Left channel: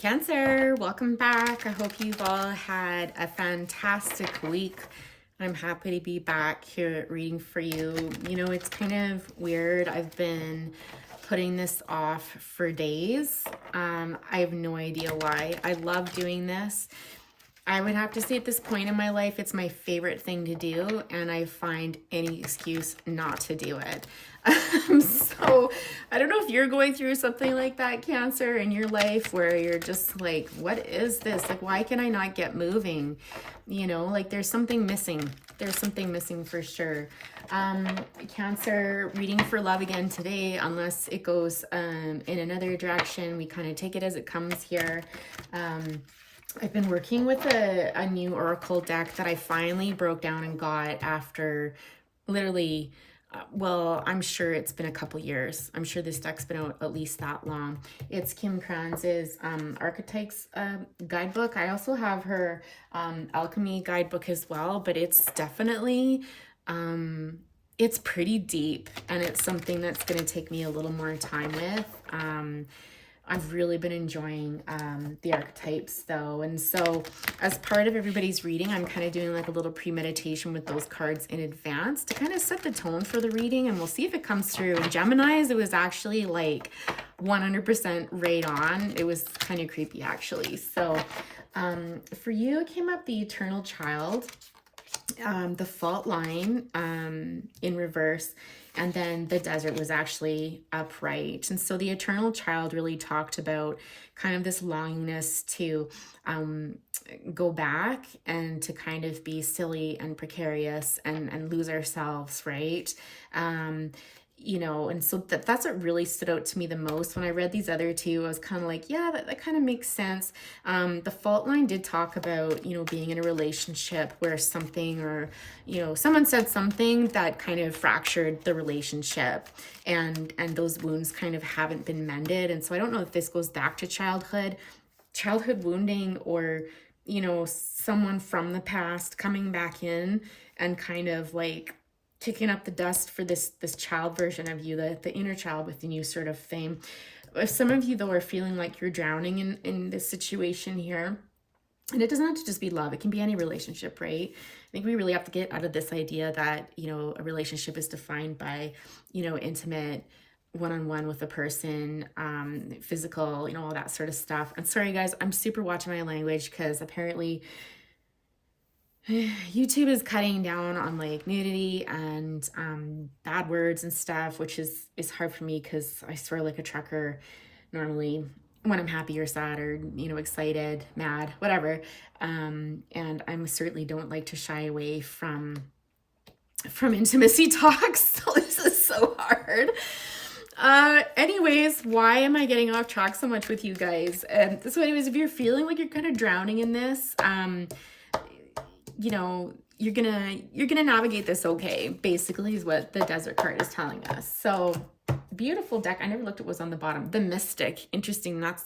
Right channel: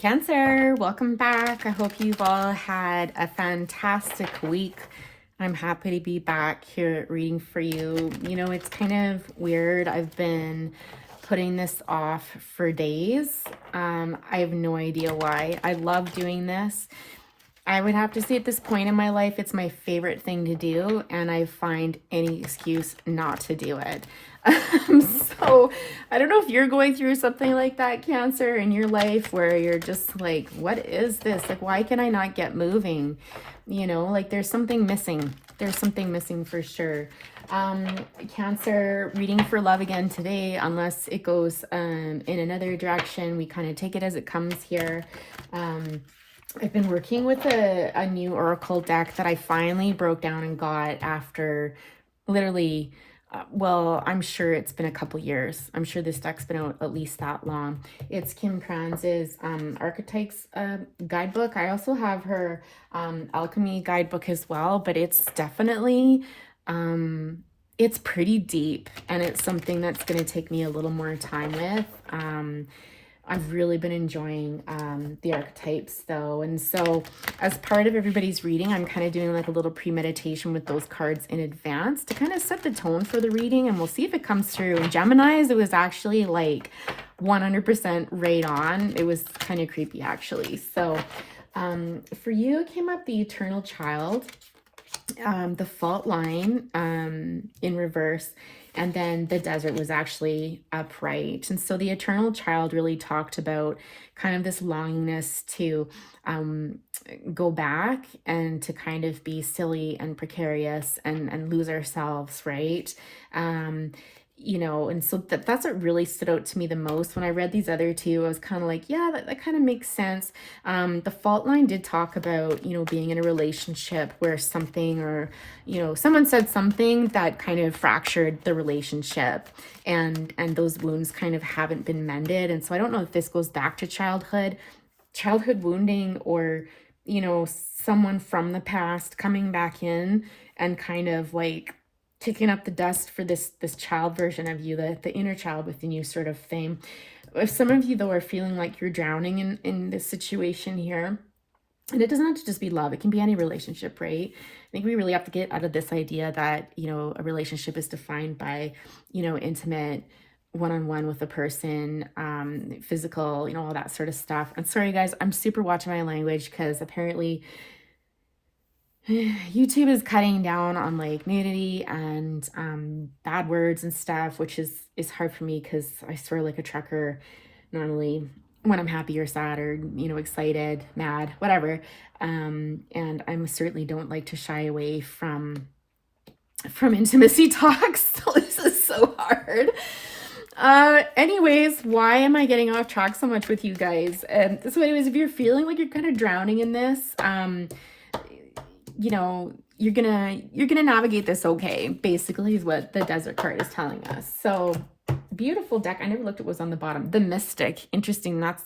Cancer, welcome back. I hope you've all had a fantastic week. I'm happy to be back here reading for you. You know, it's kind of weird. I've been putting this off for days. I have no idea why. I love doing this. I would have to say at this point in my life, it's my favorite thing to do, and I find any excuse not to do it. So I don't know if you're going through something like that, Cancer, in your life where you're just like, what is this? Like, why can I not get moving? You know, like there's something missing. There's something missing for sure. Cancer, reading for love again today, unless it goes in another direction. We kind of take it as it comes here. I've been working with a new oracle deck that I finally broke down and got after literally, well, I'm sure it's been a couple years. I'm sure this deck's been out at least that long. It's Kim Kranz's Archetypes guidebook. I also have her Alchemy guidebook as well, but it's definitely, it's pretty deep, and it's something that's going to take me a little more time with. I've really been enjoying the archetypes though. And so as part of everybody's reading, I'm kind of doing like a little premeditation with those cards in advance to kind of set the tone for the reading, and we'll see if it comes through. In Gemini's, it was actually like 100% right on. It was kind of creepy actually. So for you, it came up the Eternal Child, the Fault Line in reverse, and then the Desert was actually upright. And so the Eternal Child really talked about kind of this longingness to go back and to kind of be silly and precarious and lose ourselves, right? You know, and so that's what really stood out to me the most. When I read these other two, I was kind of like, yeah, that kind of makes sense. The Fault Line did talk about, you know, being in a relationship where something, or, you know, someone said something that kind of fractured the relationship, and those wounds kind of haven't been mended. And so I don't know if this goes back to childhood wounding, or, you know, someone from the past coming back in and kind of like kicking up the dust for this child version of you, the inner child within you sort of thing. If some of you though are feeling like you're drowning in this situation here, and it doesn't have to just be love, it can be any relationship, right? I think we really have to get out of this idea that, you know, a relationship is defined by, you know, intimate one-on-one with a person, physical, you know, all that sort of stuff. And sorry guys, I'm super watching my language because apparently YouTube is cutting down on like nudity and bad words and stuff, which is hard for me because I swear like a trucker normally when I'm happy or sad or, you know, excited, mad, whatever. And I certainly don't like to shy away from intimacy talks. So this is so hard. Anyways, why am I getting off track so much with you guys? So anyways, if you're feeling like you're kind of drowning in this, you know, you're gonna navigate this okay, basically, is what the Desert card is telling us. So beautiful deck. I never looked at what was on the bottom. The Mystic. Interesting. That's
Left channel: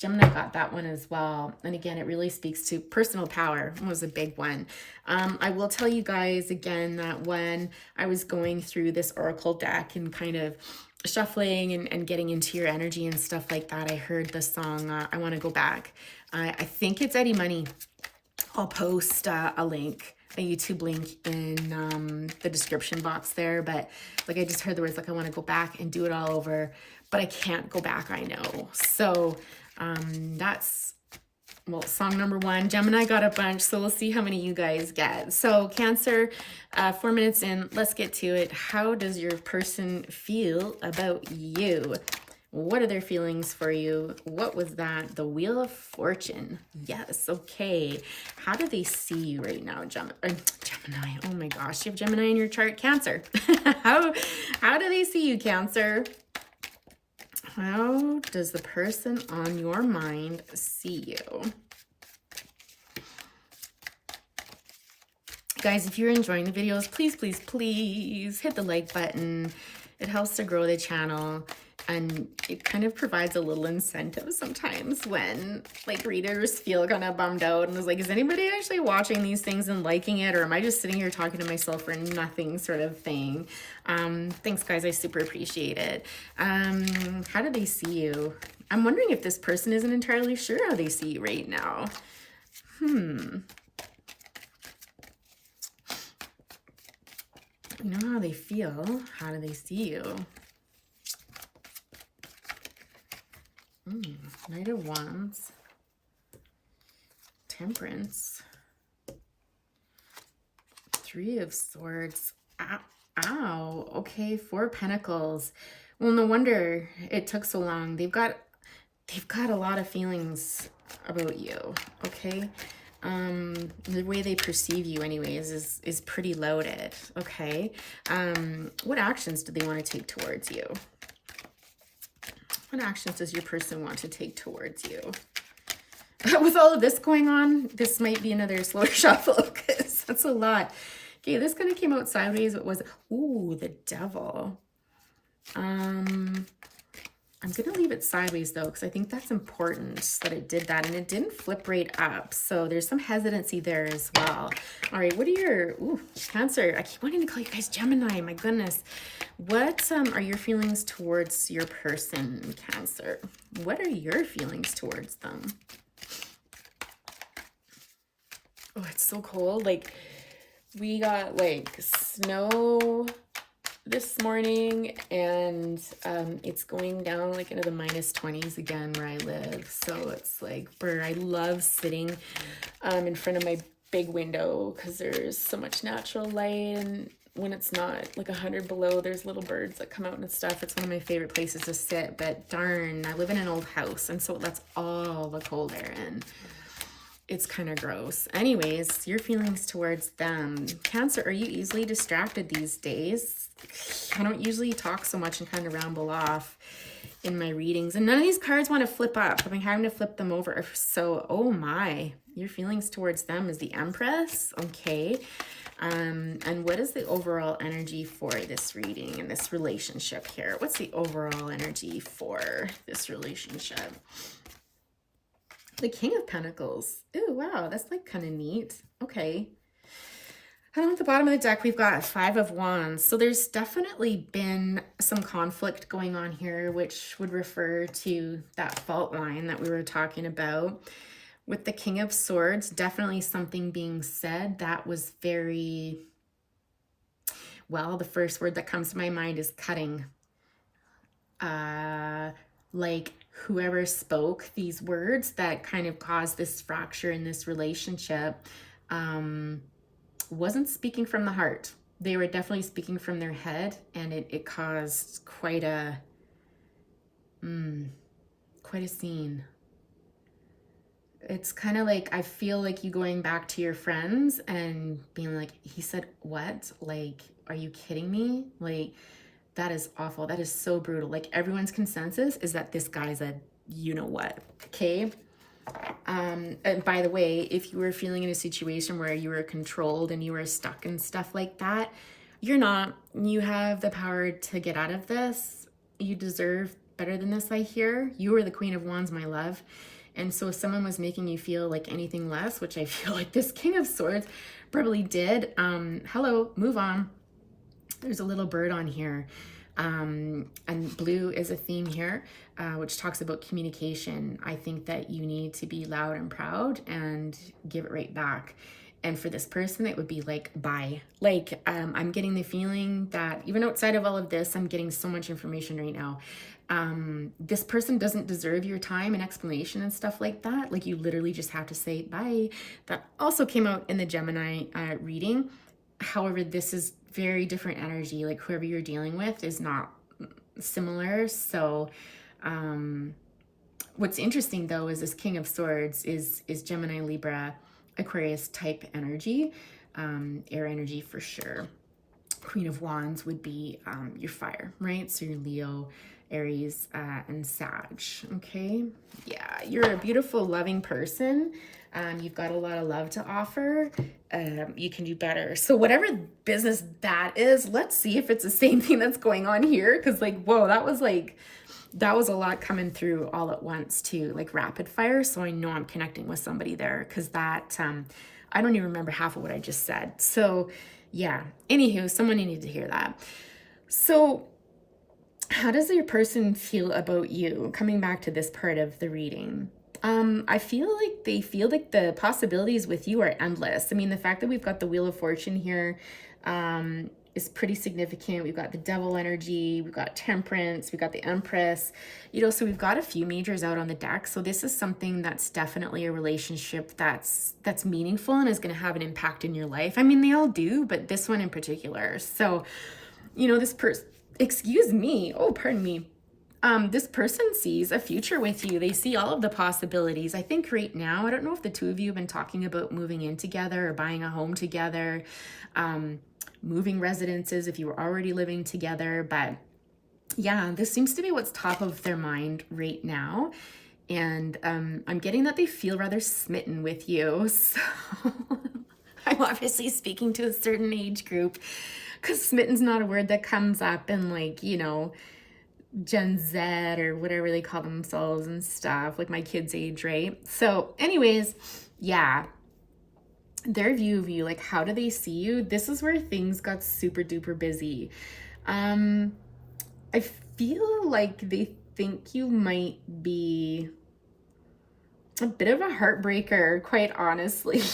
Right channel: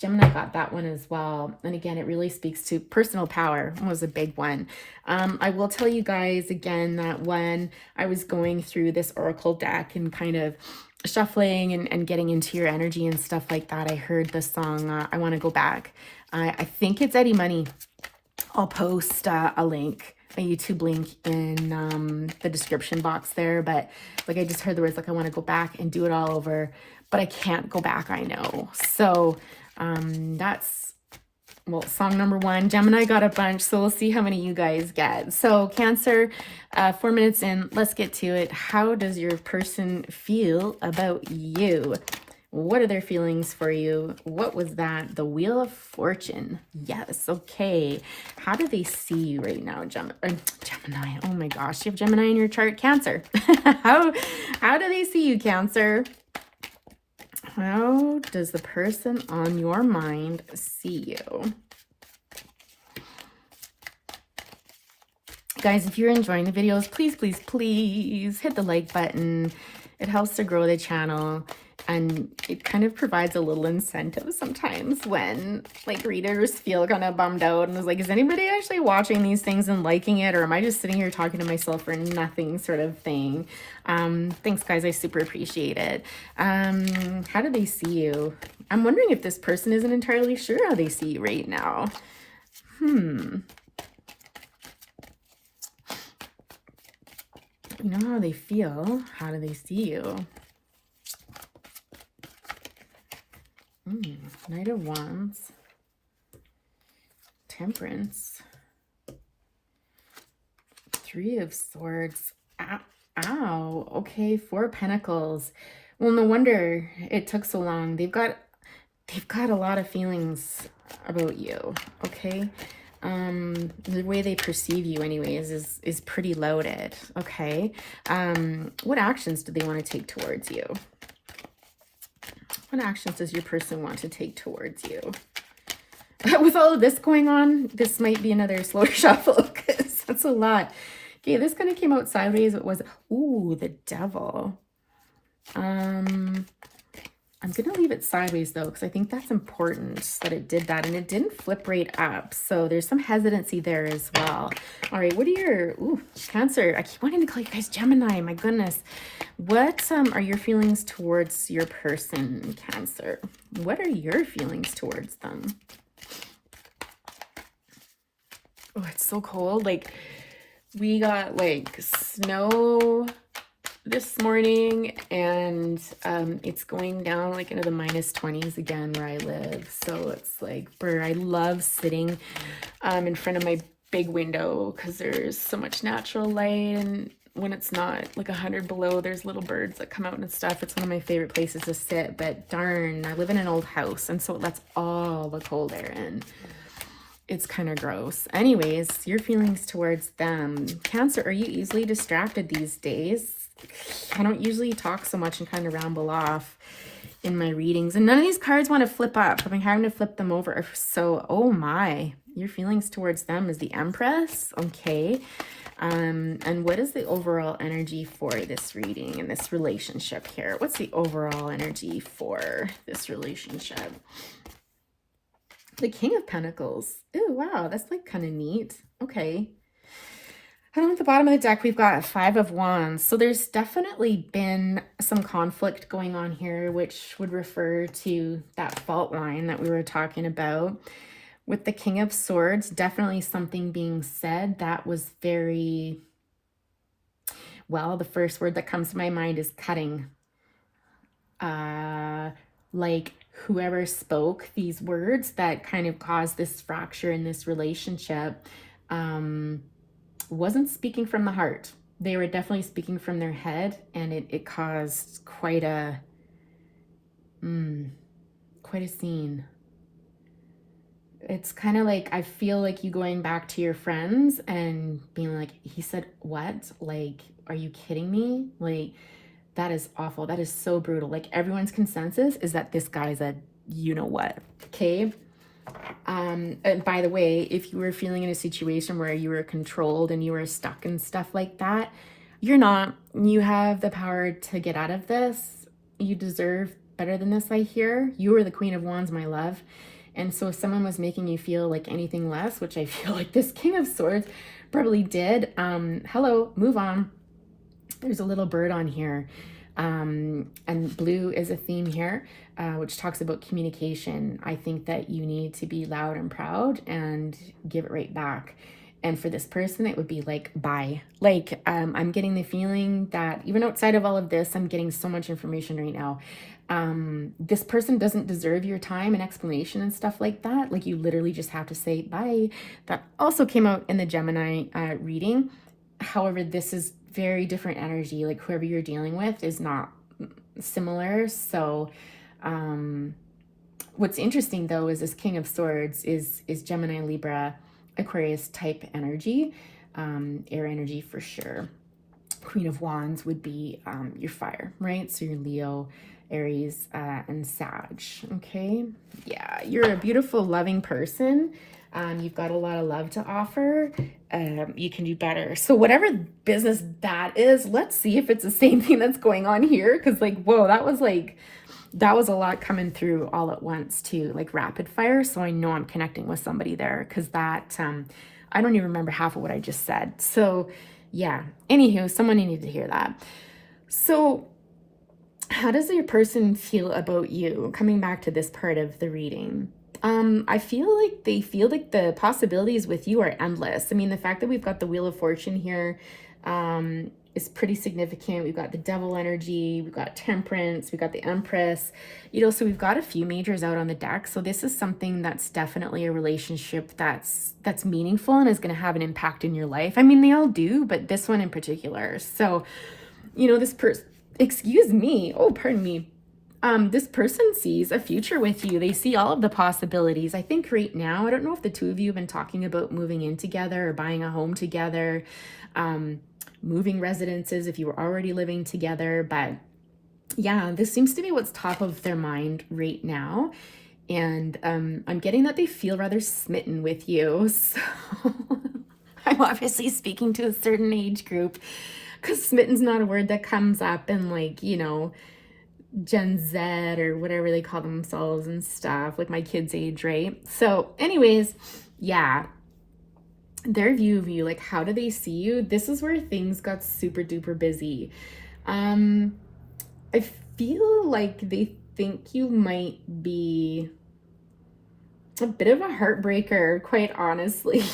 Gemini got that one as well. And again, it really speaks to personal power. Was a big one. I will tell you guys again that when I was going through this oracle deck and kind of shuffling and getting into your energy and stuff like that, I heard the song I Want to Go Back. I think it's Eddie Money. I'll post a link, a YouTube link in the description box there. But like, I just heard the words like, I want to go back and do it all over, but I can't go back, I know. So that's, well, song number one. Gemini got a bunch, so we'll see how many you guys get. So Cancer, 4 minutes in, let's get to it. How does your person feel about you? What are their feelings for you? What was that? The Wheel of Fortune. Yes, okay. How do they see you right now, Gemini? Oh my gosh, you have Gemini in your chart. Cancer. How do they see you, Cancer? How does the person on your mind see you? Guys, if you're enjoying the videos, please, please, please hit the like button. It helps to grow the channel. And it kind of provides a little incentive sometimes when like readers feel kind of bummed out and is like, is anybody actually watching these things and liking it? Or am I just sitting here talking to myself for nothing sort of thing? Thanks guys, I super appreciate it. How do they see you? I'm wondering if this person isn't entirely sure how they see you right now. You know how they feel. How do they see you? Knight of Wands. Temperance. Three of Swords. Ow. Okay, Four of Pentacles. Well, no wonder it took so long. They've got a lot of feelings about you, okay? The way they perceive you anyways is pretty loaded, okay? What actions do they want to take towards you? What actions does your person want to take towards you? With all of this going on, this might be another slow shuffle because that's a lot. Okay, this kind of came out sideways. It was, ooh, the Devil. I'm going to leave it sideways, though, because I think that's important that it did that. And it didn't flip right up. So there's some hesitancy there as well. All right, what are your... Ooh, Cancer. I keep wanting to call you guys Gemini. My goodness. What are your feelings towards your person, Cancer? What are your feelings towards them? Oh, it's so cold. Like, we got, like, snow this morning, and it's going down like into the -20s again where I live. So it's like, I love sitting in front of my big window because there's so much natural light, and when it's not like 100 below, there's little birds that come out and stuff. It's one of my favorite places to sit, but darn, I live in an old house, and so it lets all the cold air in. It's kind of gross. Anyways, your feelings towards them. Cancer, are you easily distracted these days? I don't usually talk so much and kind of ramble off in my readings. And none of these cards want to flip up. I've been having to flip them over. So, oh my. Your feelings towards them is the Empress. Okay. And what is the overall energy for this reading and this relationship here? What's the overall energy for this relationship? The King of Pentacles. Ooh, wow, that's like kind of neat. Okay. And at the bottom of the deck, we've got Five of Wands. So there's definitely been some conflict going on here, which would refer to that fault line that we were talking about. With the King of Swords, definitely something being said that was very, well, the first word that comes to my mind is cutting. Like, whoever spoke these words that kind of caused this fracture in this relationship wasn't speaking from the heart. They were definitely speaking from their head, and it caused quite a scene. It's kind of like, I feel like you going back to your friends and being like, he said what? Like, are you kidding me? Like, that is awful. That is so brutal. Like, everyone's consensus is that this guy's a you-know-what, okay? And by the way, if you were feeling in a situation where you were controlled and you were stuck and stuff like that, you're not. You have the power to get out of this. You deserve better than this, I hear. You are the Queen of Wands, my love. And so if someone was making you feel like anything less, which I feel like this King of Swords probably did, hello, move on. There's a little bird on here. And blue is a theme here, which talks about communication. I think that you need to be loud and proud and give it right back. And for this person, it would be like, bye. Like, I'm getting the feeling that even outside of all of this, I'm getting so much information right now. This person doesn't deserve your time and explanation and stuff like that. Like, you literally just have to say bye. That also came out in the Gemini reading. However, this is very different energy. Like, whoever you're dealing with is not similar. So what's interesting though is this King of Swords is Gemini, Libra, Aquarius type energy, air energy for sure. Queen of Wands would be your fire, right? So your Leo, Aries, and Sag. Okay, yeah, you're a beautiful, loving person. You've got a lot of love to offer. You can do better. So whatever business that is, let's see if it's the same thing that's going on here. Because like, whoa, that was a lot coming through all at once too, like rapid fire. So I know I'm connecting with somebody there because that, I don't even remember half of what I just said. So yeah, anywho, someone needed to hear that. So How does your person feel about you? Coming back to this part of the reading. I feel like they feel like the possibilities with you are endless. I mean, the fact that we've got the Wheel of Fortune here is pretty significant. We've got the Devil energy, we've got Temperance, we've got the Empress, you know, so we've got a few majors out on the deck. So this is something that's definitely a relationship that's meaningful and is going to have an impact in your life. I mean, they all do, but this one in particular. So, you know, this person, excuse me, oh, pardon me. This person sees a future with you. They see all of the possibilities. I think right now, I don't know if the two of you have been talking about moving in together or buying a home together, moving residences if you were already living together. But yeah, this seems to be what's top of their mind right now. And I'm getting that they feel rather smitten with you. So I'm obviously speaking to a certain age group, because smitten's not a word that comes up in, like, you know, Gen Z or whatever they call themselves and stuff, like my kids' age, right? So anyways, yeah, their view of you, like, how do they see you? This is where things got super duper busy. I feel like they think you might be a bit of a heartbreaker, quite honestly.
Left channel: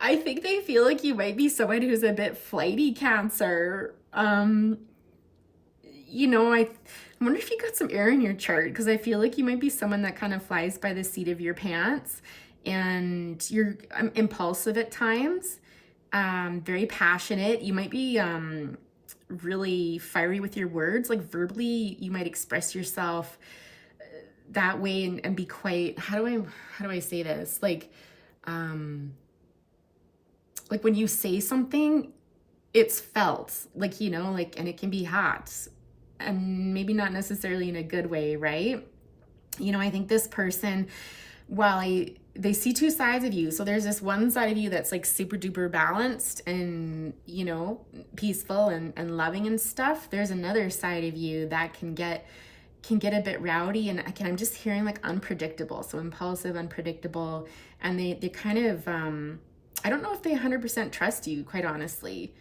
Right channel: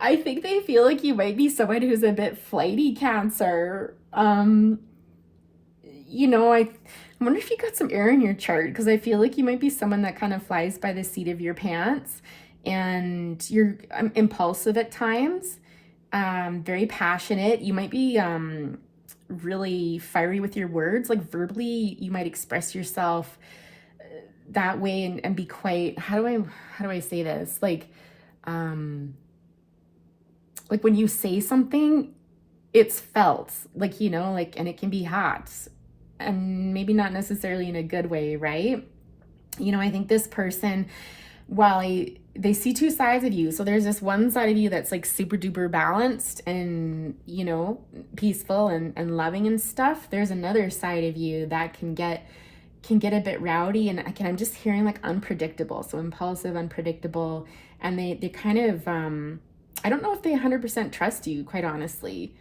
I think they feel like you might be someone who's a bit flighty, Cancer. You know, I wonder if you got some air in your chart, because I feel like you might be someone that kind of flies by the seat of your pants, and you're impulsive at times, very passionate. You might be really fiery with your words, like verbally you might express yourself that way and be quite, how do I say this? Like when you say something, it's felt, like, you know, like, and it can be hot, and maybe not necessarily in a good way, right? You know, I think this person, while they see two sides of you. So there's this one side of you that's like super duper balanced and, you know, peaceful and loving and stuff. There's another side of you that can get a bit rowdy, and again, I'm just hearing like unpredictable. So impulsive, unpredictable, and they kind of I don't know if they 100% trust you, quite honestly.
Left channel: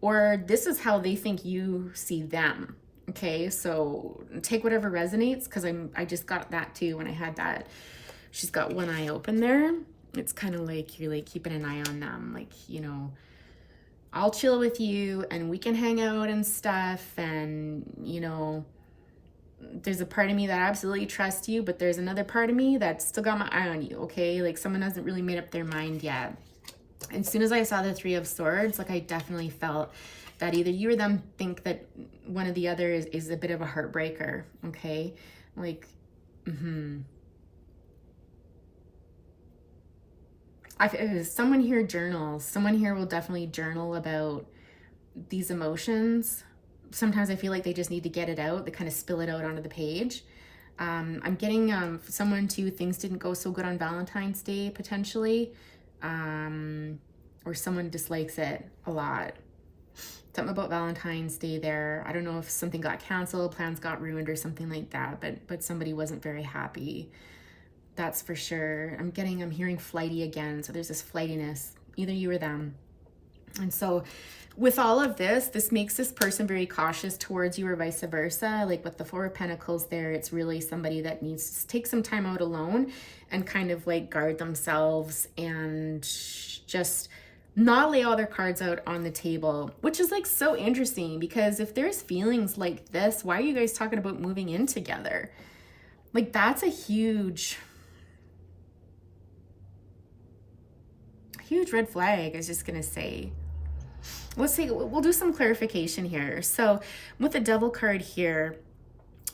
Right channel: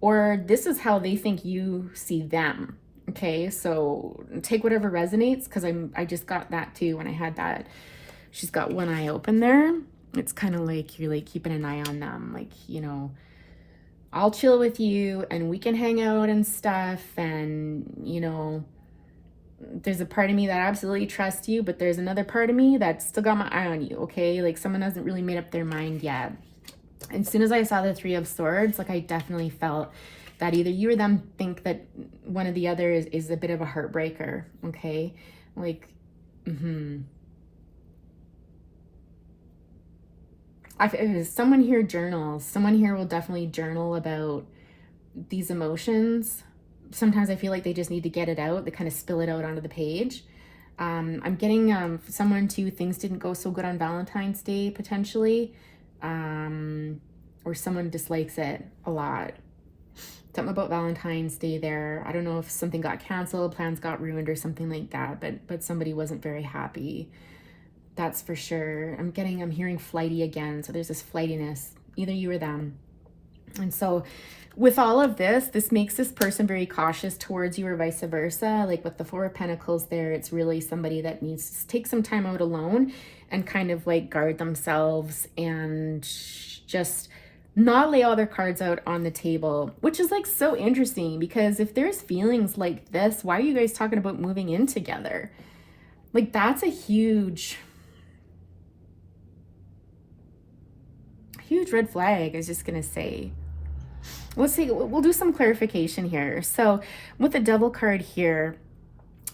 Or this is how they think you see them. Okay, so take whatever resonates, because I just got that too when I had that. She's got one eye open there. It's kind of like you're like keeping an eye on them, like, you know, I'll chill with you and we can hang out and stuff, and, you know, there's a part of me that absolutely trusts you, but there's another part of me that's still got my eye on you. Okay, like someone hasn't really made up their mind yet. As soon as I saw the Three of Swords, like I definitely felt that either you or them think that one of the other is a bit of a heartbreaker. Okay, like someone here journals. Someone here will definitely journal about these emotions. Sometimes I feel like they just need to get it out. They kind of spill it out onto the page. I'm getting someone too, things didn't go so good on Valentine's Day, potentially. Or someone dislikes it a lot. Something about Valentine's Day there. I don't know if something got canceled, plans got ruined or something like that, but somebody wasn't very happy. That's for sure. I'm hearing flighty again. So there's this flightiness, either you or them. And so with all of this makes this person very cautious towards you, or vice versa. Like with the Four of Pentacles there, it's really somebody that needs to take some time out alone and kind of like guard themselves and just not lay all their cards out on the table, which is like so interesting, because if there's feelings like this, why are you guys talking about moving in together? Like that's a huge red flag, I was just gonna say. Let's see, we'll do some clarification here. So with the Devil card here,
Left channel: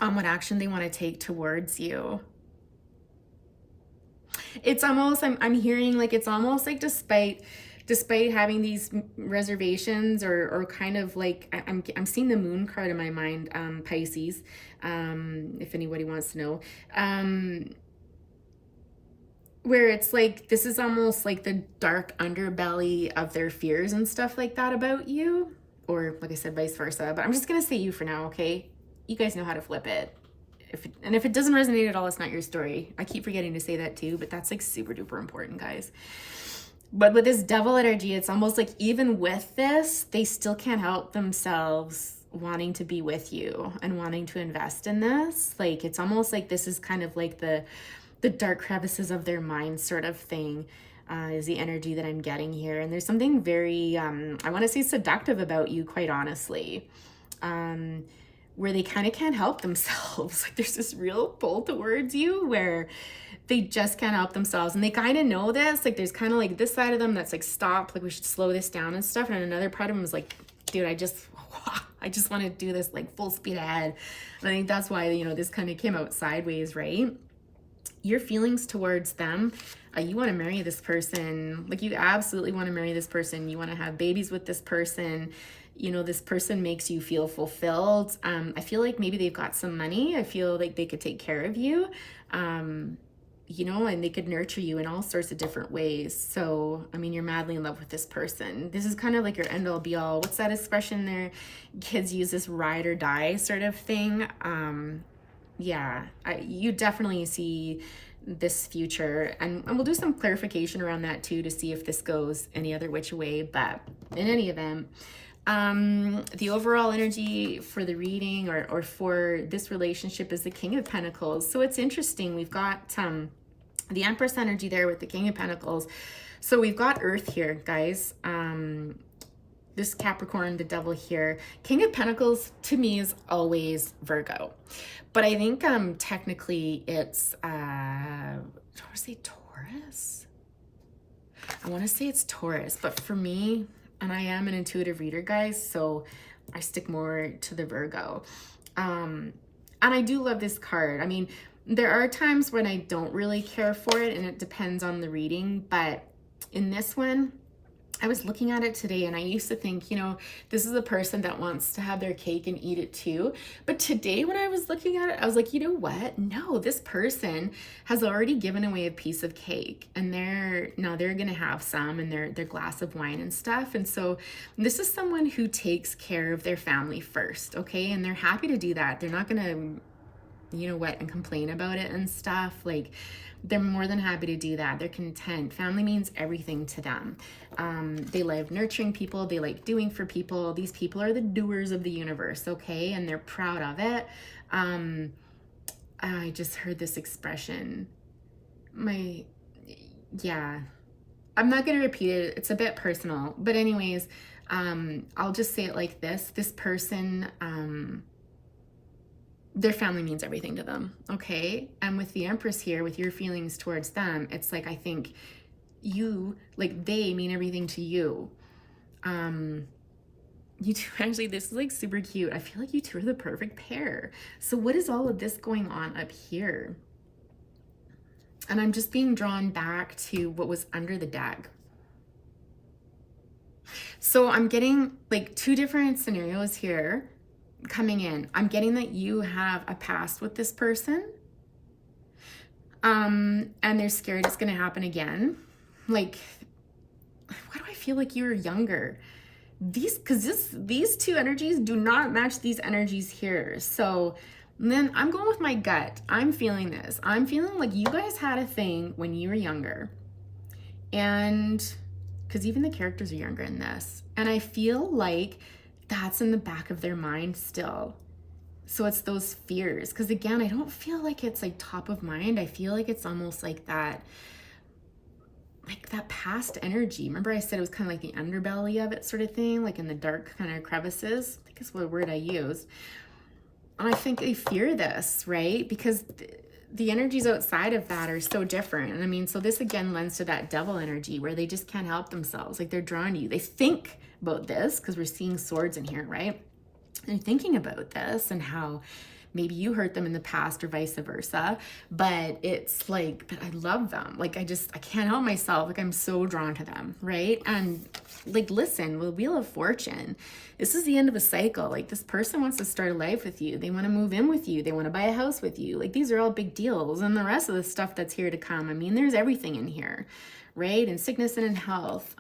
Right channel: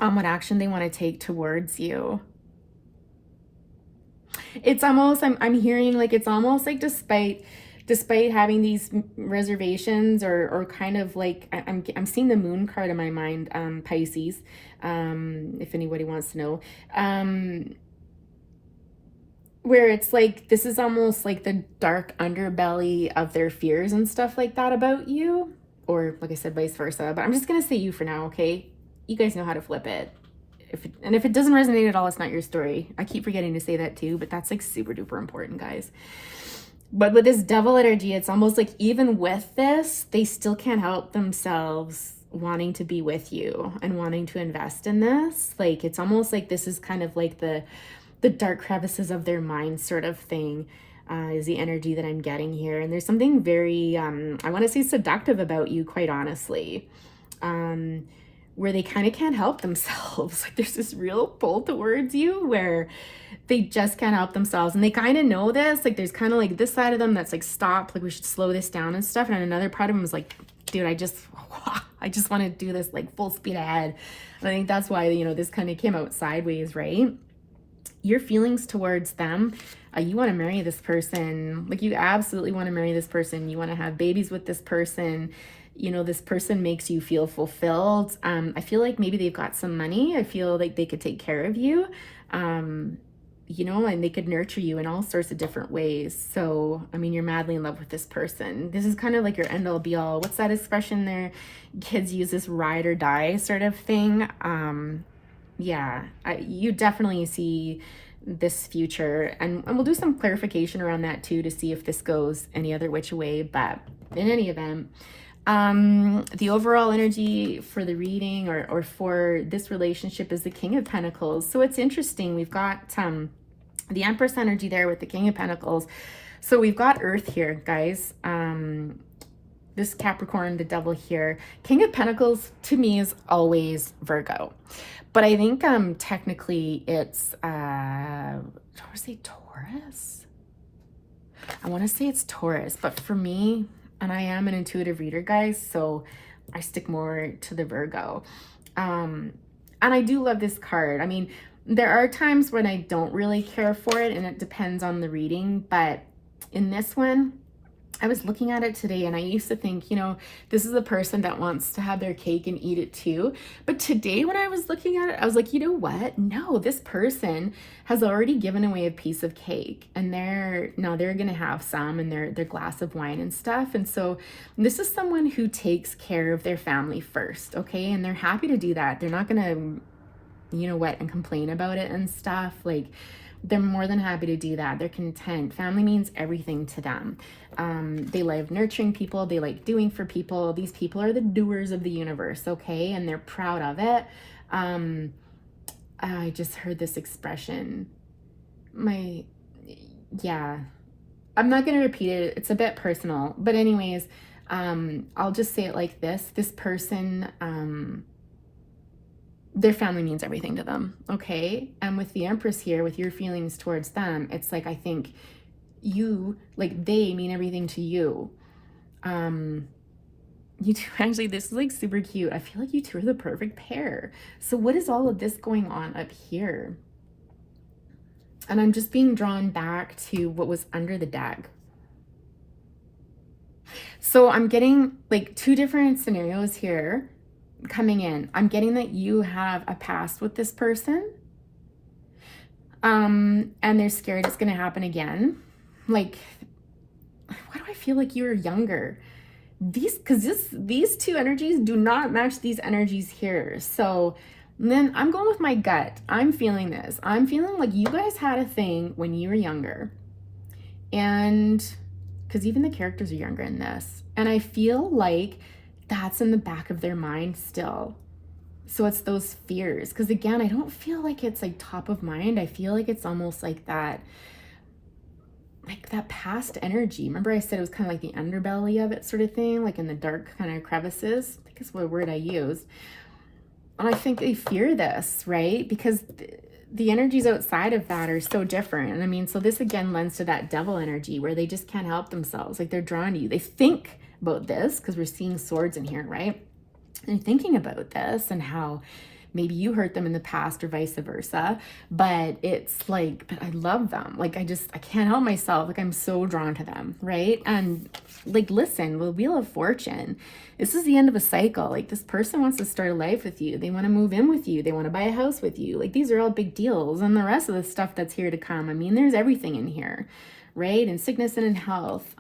on what action they want to take towards you, it's almost, I'm hearing like it's almost like despite having these reservations, or kind of like I'm seeing the Moon card in my mind, Pisces, if anybody wants to know, where it's like this is almost like the dark underbelly of their fears and stuff like that about you, or like I said, vice versa. But I'm just gonna say you for now, okay? You guys know how to flip it. If it doesn't resonate at all, it's not your story. I keep forgetting to say that too, but that's like super duper important, guys. But with this Devil energy, it's almost like even with this, they still can't help themselves wanting to be with you and wanting to invest in this. Like, it's almost like this is kind of like the dark crevices of their mind sort of thing, is the energy that I'm getting here. And there's something very, I want to say seductive about you, quite honestly, where they kind of can't help themselves. Like, there's this real pull towards you where they just can't help themselves. And they kind of know this. Like, there's kind of like this side of them that's like, stop, like we should slow this down and stuff. And another part of them is like, dude, I just want to do this like full speed ahead. And I think that's why, you know, this kind of came out sideways, right? Your feelings towards them, you want to marry this person. Like, you absolutely want to marry this person. You want to have babies with this person. You know, this person makes you feel fulfilled. I feel like maybe they've got some money. I feel like they could take care of you, you know, and they could nurture you in all sorts of different ways. So, I mean, you're madly in love with this person. This is kind of like your end all be all. What's that expression there? Kids use this ride or die sort of thing. Yeah, you definitely see this future, and we'll do some clarification around that too to see if this goes any other which way. But in any event, the overall energy for the reading or for this relationship is the King of Pentacles. So it's interesting. We've got the Empress energy there with the King of Pentacles. So we've got Earth here, guys. This Capricorn, the Devil here. King of Pentacles to me is always Virgo. But I think technically it's, I want to say Taurus. I want to say it's Taurus, but for me, and I am an intuitive reader, guys, so I stick more to the Virgo. And I do love this card. I mean, there are times when I don't really care for it, and it depends on the reading, but in this one, I was looking at it today and I used to think, you know, this is a person that wants to have their cake and eat it too. But today when I was looking at it, I was like, you know what? No, this person has already given away a piece of cake, and they're going to have some in their glass of wine and stuff. And so this is someone who takes care of their family first, okay? And they're happy to do that. They're not going to, you know what, and complain about it and stuff. Like, they're more than happy to do that. They're content. Family means everything to them. They love nurturing people. They like doing for people. These people are the doers of the universe, okay? And they're proud of it. I just heard this expression. Yeah. I'm not going to repeat it. It's a bit personal. But anyways, I'll just say it like this. This person, their family means everything to them, okay? And with the Empress here, with your feelings towards them, it's like, I think you, like, they mean everything to you. You two, actually, this is like super cute. I feel like you two are the perfect pair. So what is all of this going on up here? And I'm just being drawn back to what was under the deck. So I'm getting like two different scenarios here coming in. I'm getting that you have a past with this person, and they're scared it's going to happen again. Like, why do I feel like you're younger? These two energies do not match these energies here. So then I'm going with my gut. I'm feeling this. I'm feeling like you guys had a thing when you were younger, and because even the characters are younger in this, and I feel like that's in the back of their mind still. So it's those fears. Because again, I don't feel like it's like top of mind. I feel like it's almost like that past energy. Remember I said it was kind of like the underbelly of it sort of thing, like in the dark kind of crevices. I think is what word I used. And I think they fear this, right? Because the energies outside of that are so different. And I mean, so this again lends to that devil energy where they just can't help themselves. Like, they're drawn to you. They think about this because we're seeing swords in here, right? And thinking about this and how maybe you hurt them in the past or vice versa, but it's like, but I love them. Like, I can't help myself. Like, I'm so drawn to them, right? And like, listen, the Wheel of Fortune, this is the end of a cycle. Like, this person wants to start a life with you. They want to move in with you. They want to buy a house with you. Like, these are all big deals. And the rest of the stuff that's here to come, I mean, there's everything in here, right? And sickness and in health,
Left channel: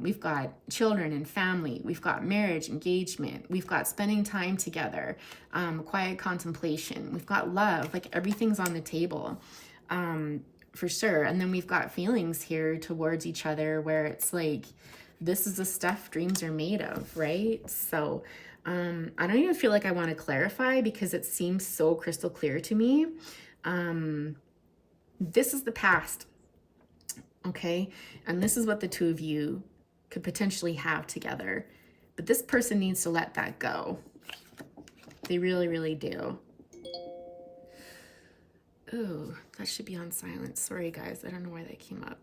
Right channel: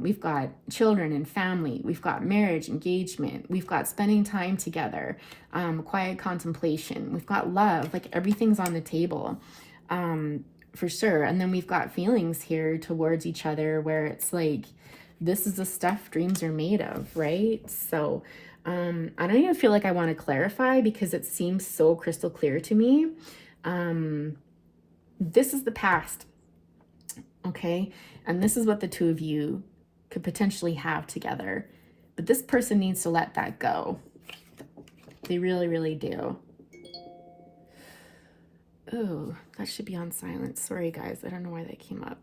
we've got children and family, we've got marriage, engagement, we've got spending time together, quiet contemplation, we've got love, like everything's on the table, for sure. And then we've got feelings here towards each other where it's like this is the stuff dreams are made of, right? So I don't even feel like I want to clarify because it seems so crystal clear to me. This is the past, okay? And this is what the two of you could potentially have together. But this person needs to let that go. They really, really do. Oh, that should be on silent. Sorry, guys. I don't know why that came up.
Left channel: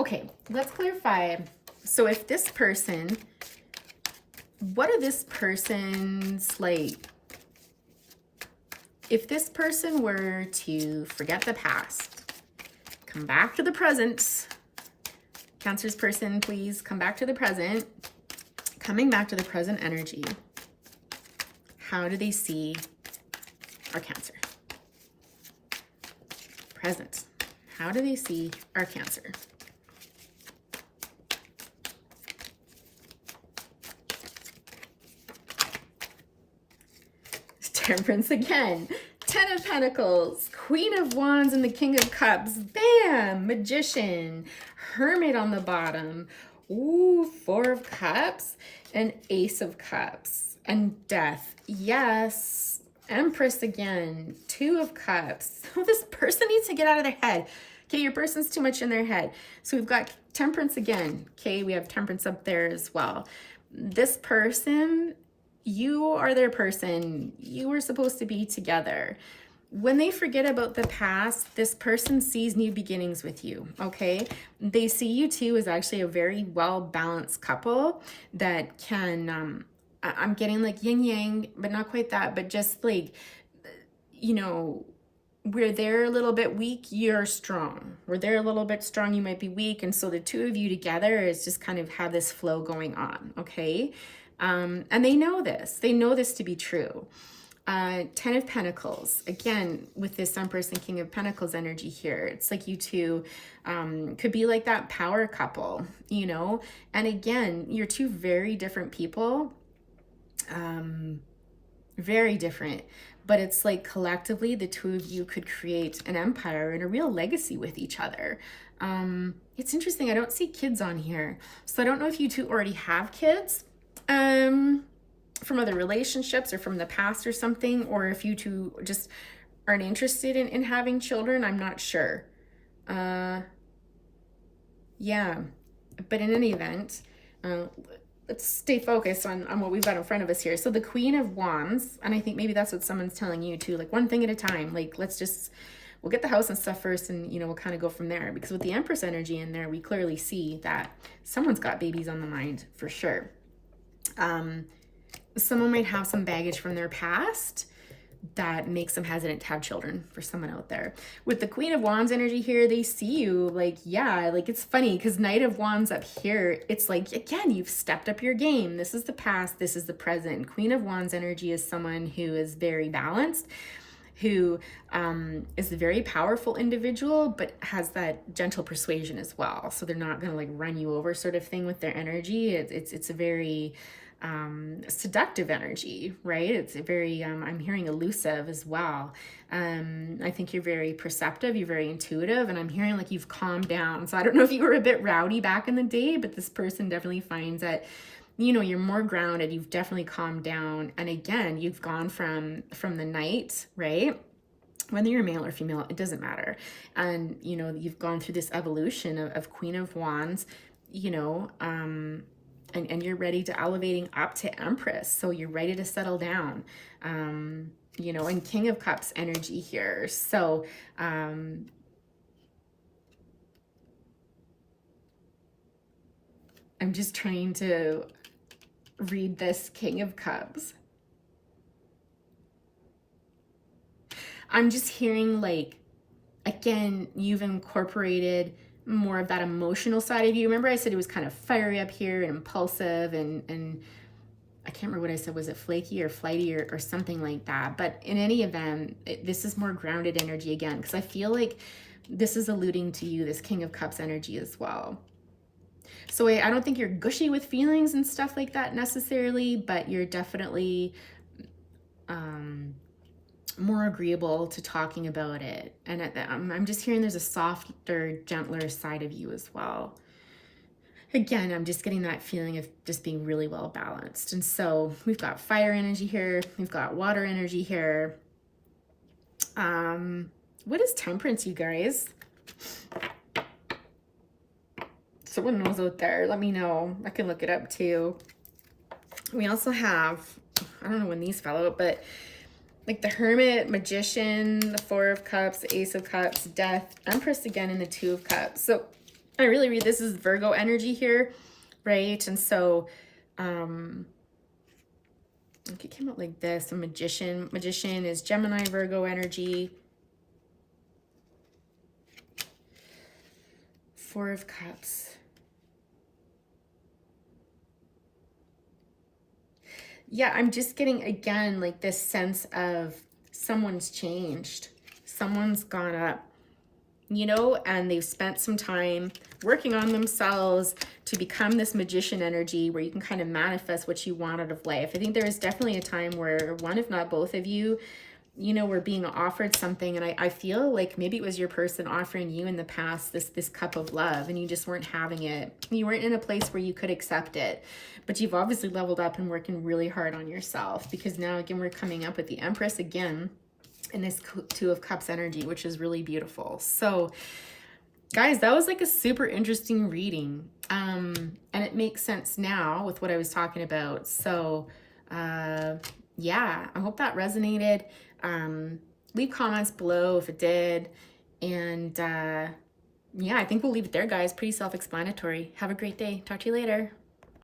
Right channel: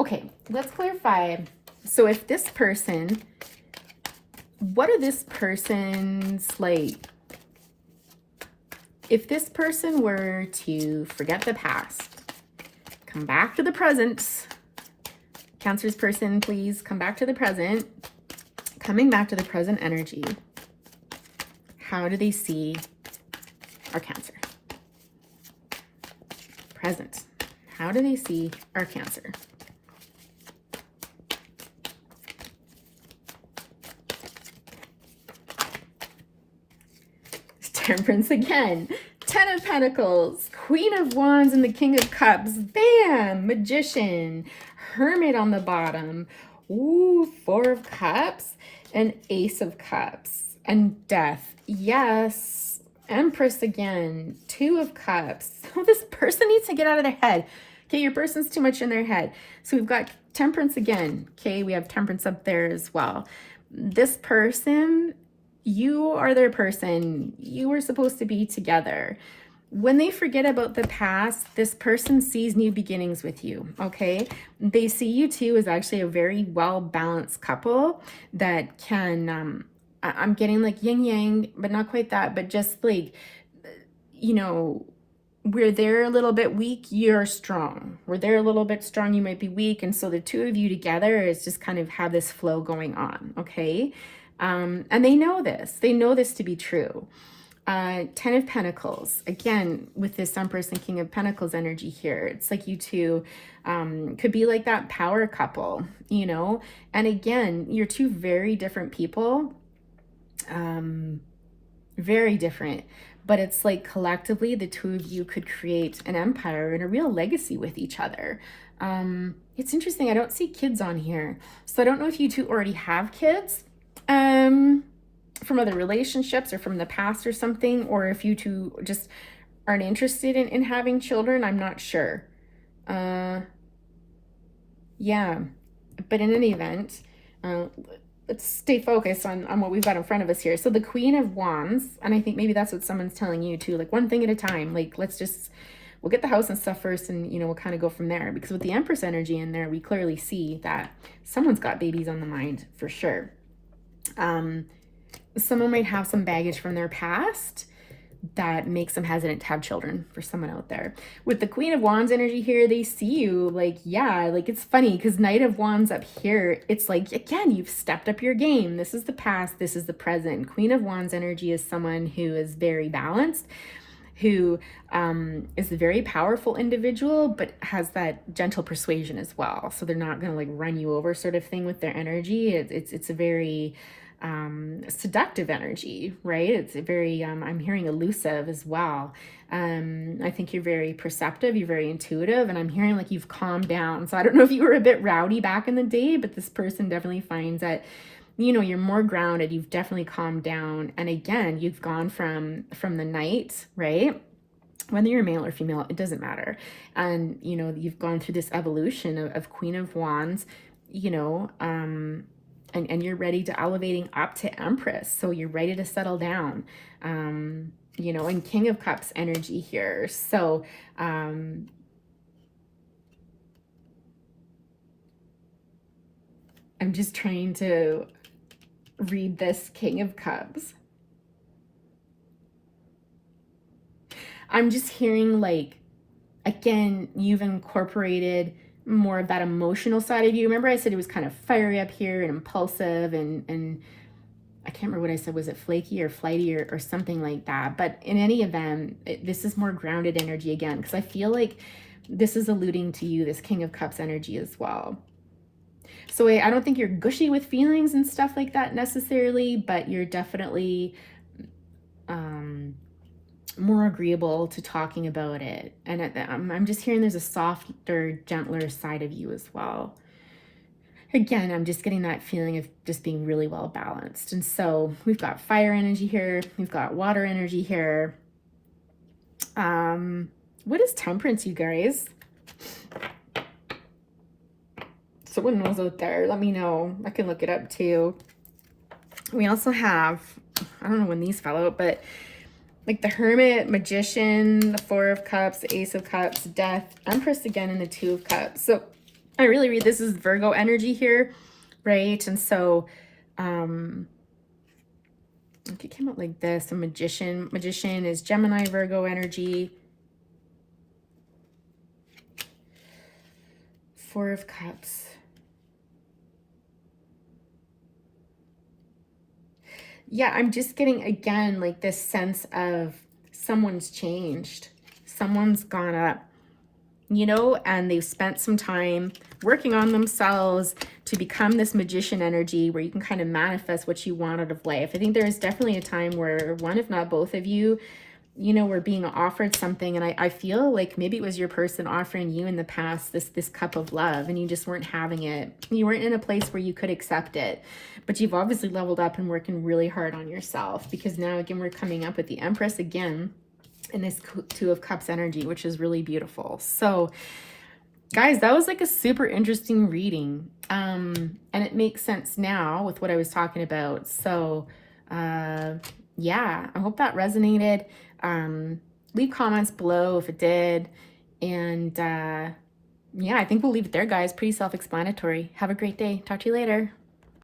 Okay, let's clarify. So if this person, what are this person's like, if this person were to forget the past, come back to the present, Cancer's person, please come back to the present, coming back to the present energy, how do they see our Cancer? Present. How do they see our Cancer? Temperance again. 10 of Pentacles, Queen of Wands, and the King of Cups. Bam! Magician, Hermit on the bottom. Ooh, 4 of Cups, and Ace of Cups, and Death. Yes. Empress again, 2 of Cups. Oh, this person needs to get out of their head. Okay, your person's too much in their head. So we've got Temperance again. Okay, we have Temperance up there as well. This person, you are their person. You were supposed to be together. When they forget about the past, this person sees new beginnings with you, okay? They see you two as actually a very well-balanced couple that can, I'm getting like yin-yang, but not quite that, but just like, you know, where they're a little bit weak, you're strong. Where they're a little bit strong, you might be weak. And so the two of you together is just kind of have this flow going on, okay? And they know this. They know this to be true. 10 of Pentacles. Again, with this Empress and King of Pentacles energy here, it's like you two could be like that power couple, you know? And again, you're two very different people. Very different. But it's like collectively, the two of you could create an empire and a real legacy with each other. It's interesting. I don't see kids on here. So I don't know if you two already have kids. From other relationships or from the past or something, or if you two just aren't interested in having children, I'm not sure. Yeah, but in any event, let's stay focused on what we've got in front of us here. So the Queen of Wands, and I think maybe that's what someone's telling you too, like one thing at a time, like we'll get the house and stuff first, and you know, we'll kind of go from there, because with the Empress energy in there, we clearly see that someone's got babies on the mind for sure. Someone might have some baggage from their past that makes them hesitant to have children, for someone out there. With the Queen of Wands energy here, they see you like, yeah, like it's funny because Knight of Wands up here, it's like, again, you've stepped up your game. This is the past, this is the present. Queen of Wands energy is someone who is very balanced, who is a very powerful individual, but has that gentle persuasion as well. So they're not going to like run you over sort of thing with their energy. It's a very seductive energy, right? It's a very, I'm hearing elusive as well. I think you're very perceptive, you're very intuitive, and I'm hearing like you've calmed down. So I don't know if you were a bit rowdy back in the day, but this person definitely finds that, you know, you're more grounded, you've definitely calmed down. And again, you've gone from the Knight, right? Whether you're male or female, it doesn't matter. And, you know, you've gone through this evolution of Queen of Wands, you know, and you're ready to elevating up to Empress. So you're ready to settle down, you know, and King of Cups energy here. So, I'm just trying to read this King of Cups. I'm just hearing like, again, you've incorporated more of that emotional side of you. Remember I said it was kind of fiery up here and impulsive and I can't remember what I said. Was it flaky or flighty or something like that? But in any event, this is more grounded energy again, because I feel like this is alluding to you, this King of Cups energy as well. So I don't think you're gushy with feelings and stuff like that necessarily, but you're definitely more agreeable to talking about it. And I'm just hearing there's a softer, gentler side of you as well. Again, I'm just getting that feeling of just being really well balanced. And so we've got fire energy here. We've got water energy here. What is temperance, you guys? Someone knows out there. Let me know. I can look it up too. We also have, I don't know when these fell out, but like the Hermit, Magician, the Four of Cups, Ace of Cups, Death, Empress again, and the Two of Cups. So I really read this is Virgo energy here, right? And so it came out like this, a Magician. Magician is Gemini, Virgo energy. Four of Cups. Yeah, I'm just getting, again, like this sense of someone's changed. Someone's gone up, you know, and they've spent some time working on themselves to become this magician energy where you can kind of manifest what you want out of life. I think there is definitely a time where one, if not both of you, you know, were being offered something. And I feel like maybe it was your person offering you in the past this cup of love, and you just weren't having it. You weren't in a place where you could accept it. But you've obviously leveled up and working really hard on yourself, because now, again, we're coming up with the Empress again in this Two of Cups energy, which is really beautiful. So, guys, that was like a super interesting reading. And it makes sense now with what I was talking about. So, yeah, I hope that resonated. Leave comments below if it did. And yeah, I think we'll leave it there, guys. Pretty self-explanatory. Have a great day. Talk to you later.